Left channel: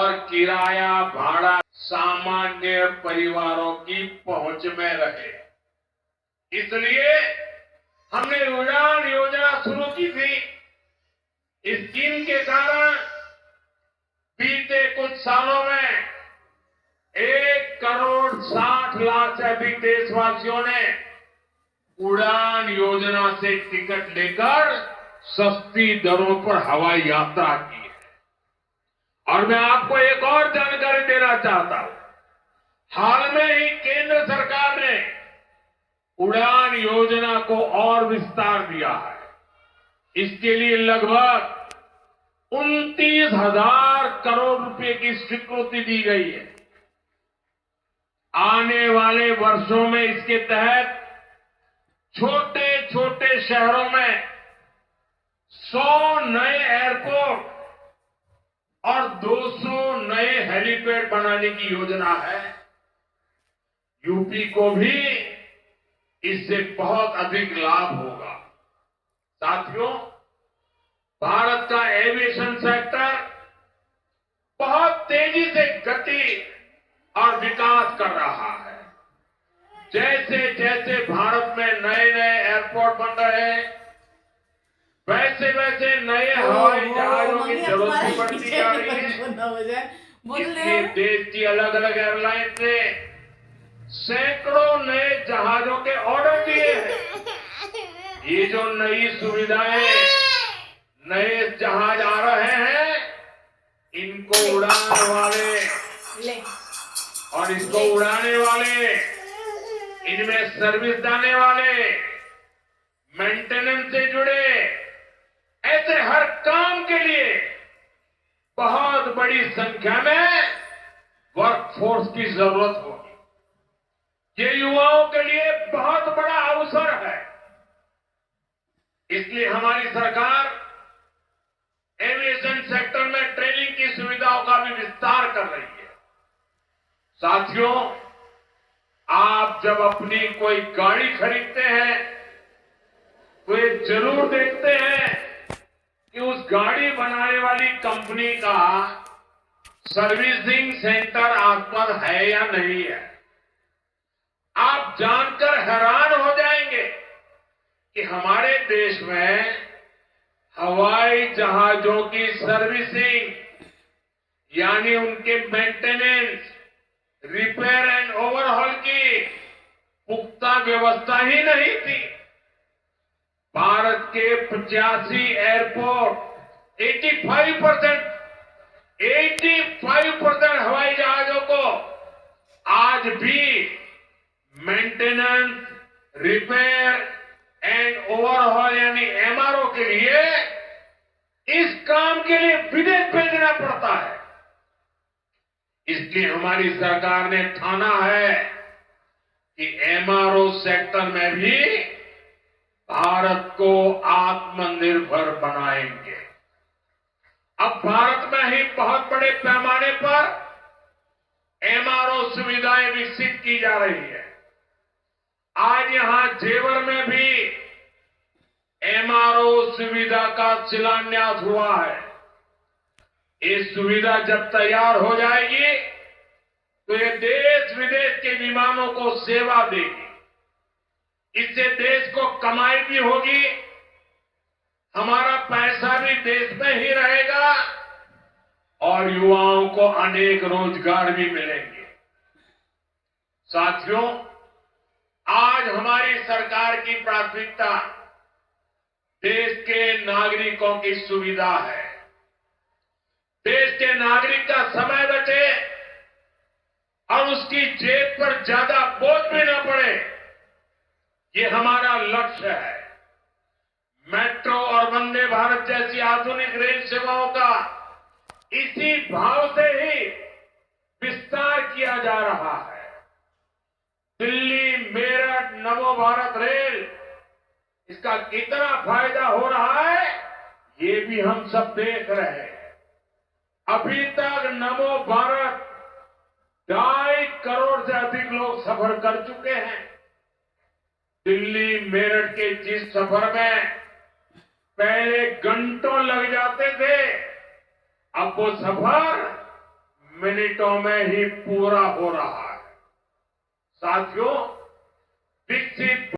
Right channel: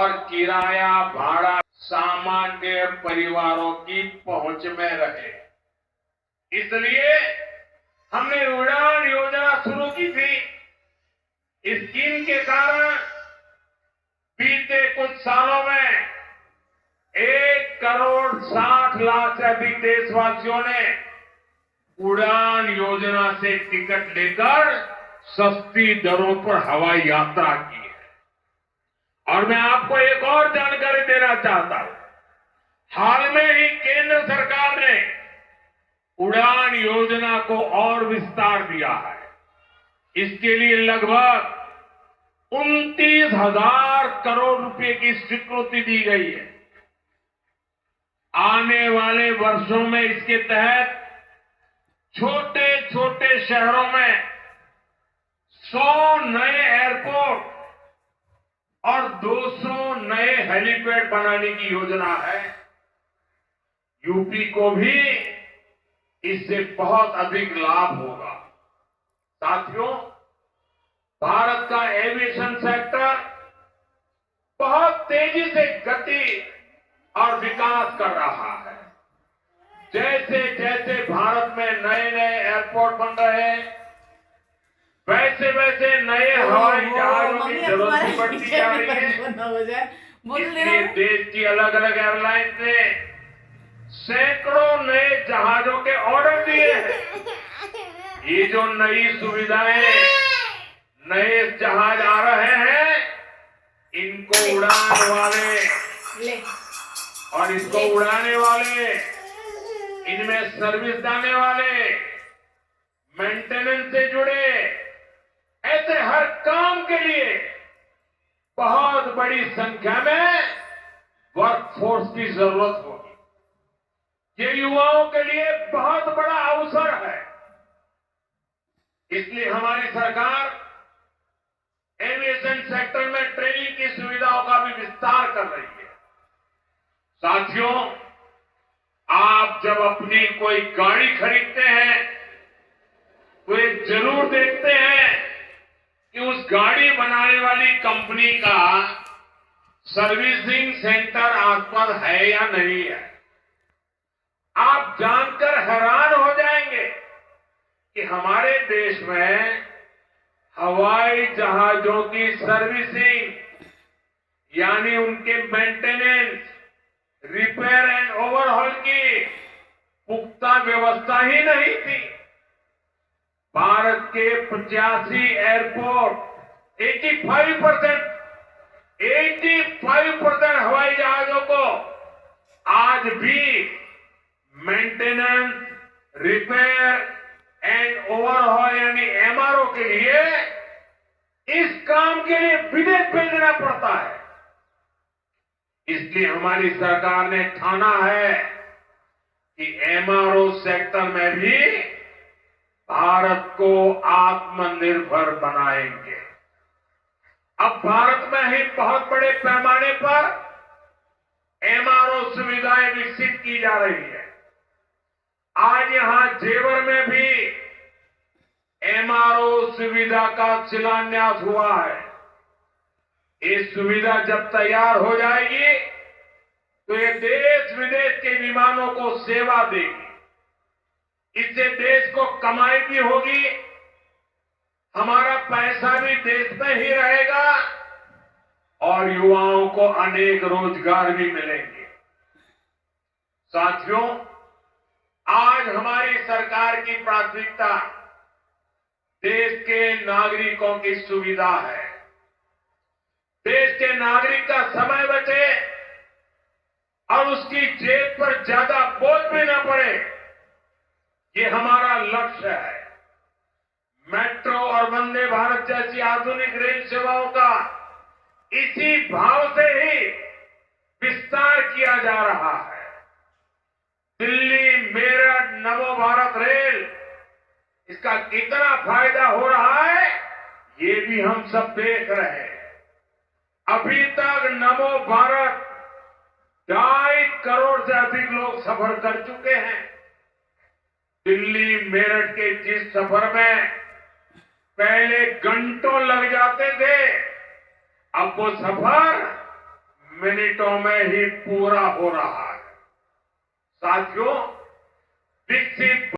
और किराया भाड़ा सामान्य परिवारों की पहुंच में रहे। इसलिए हमने उड़ान योजना शुरू की थी। इस स्कीम के कारण बीते कुछ सालों में 1,60,00,000 से अधिक देशवासियों ने उड़ान योजना से टिकट लेकर सस्ती दरों पर हवाई यात्रा की है। और मैं आपको एक और जानकारी देना चाहता हूं। हाल में ही केंद्र सरकार ने उड़ान योजना को और विस्तार दिया है। इसके लिए लगभग 29,000 करोड़ रुपए की स्वीकृति दी गई है। आने वाले वर्षों में इसके तहत छोटे छोटे शहरों में 100 नए एयरपोर्ट और 200 नए हेलीपैड बनाने की योजना है। यूपी को भी इससे बहुत अधिक लाभ होगा। साथियों, भारत का एविएशन सेक्टर बहुत तेजी से गति और विकास कर रहा है। जैसे जैसे भारत में नए नए एयरपोर्ट बन रहे हैं, वैसे वैसे नए हवाई जहाजों की जरूरत भी बढ़ती जा रही है। इसलिए देश की अलग अलग एयरलाइंस ने सैकड़ों नए जहाजों के ऑर्डर दिए हैं। ये जो नई सुविधाएं, नए जहाज आ रहे हैं, इनको उड़ान वाले और इसको उड़ाने वाले, इनमें सर्विस देने वाले, मेंटेनेंस से जुड़े, ऐसे हर काम के लिए बहुत बड़ी संख्या में वर्कफोर्स की जरूरत होगी। ये युवाओं के लिए बहुत बड़ा अवसर है। इसलिए हमारी सरकार एविएशन सेक्टर में ट्रेनिंग की सुविधाओं का भी विस्तार कर रही है। साथियों, आप जब अपनी कोई गाड़ी खरीदते हैं तो ये जरूर देखते हैं कि उस गाड़ी बनाने वाली कंपनी का सर्विसिंग सेंटर आसपास है या नहीं है। आप जानकर हैरान हो जाएंगे कि हमारे देश में हवाई जहाजों की सर्विसिंग यानी उनके मेंटेनेंस, रिपेयर एंड ओवरहॉल की पुख्ता व्यवस्था ही नहीं थी। भारत के 85 एयरपोर्ट 85% हवाई जहाजों को आज भी मेंटेनेंस, रिपेयर एंड ओवरहॉल यानी एमआरओ के लिए इस काम के लिए विदेश भेजना पड़ता है। इसलिए हमारी सरकार ने ठाना है कि एमआरओ सेक्टर में भी भारत को आत्मनिर्भर बनाएंगे। अब भारत में ही बहुत बड़े पैमाने पर एमआरओ सुविधाएं विकसित की जा रही है। आज यहां जेवर में भी एमआरओ सुविधा का शिलान्यास हुआ है। ये सुविधा जब तैयार हो जाएगी तो ये देश विदेश के विमानों को सेवा देगी। इससे देश को कमाई भी होगी, हमारा पैसा भी देश में ही रहेगा और युवाओं को अनेक रोजगार भी मिलेंगे। साथियों, आज हमारी सरकार की प्राथमिकता देश के नागरिकों की सुविधा है। देश के नागरिक का समय बचे और उसकी जेब पर ज्यादा बोझ भी न पड़े, ये हमारा लक्ष्य है। मेट्रो और वंदे भारत जैसी आधुनिक रेल सेवाओं का इसी भाव से ही विस्तार किया जा रहा है। दिल्ली मेरठ नमो भारत रेल, इसका कितना फायदा हो रहा है ये भी हम सब देख रहे हैं। अभी तक नमो भारत 2.5 करोड़ से अधिक लोग सफर कर चुके हैं। दिल्ली मेरठ के जिस सफर में पहले घंटों लग जाते थे, अब वो सफर मिनटों में ही पूरा हो रहा है। साथियों, विकसित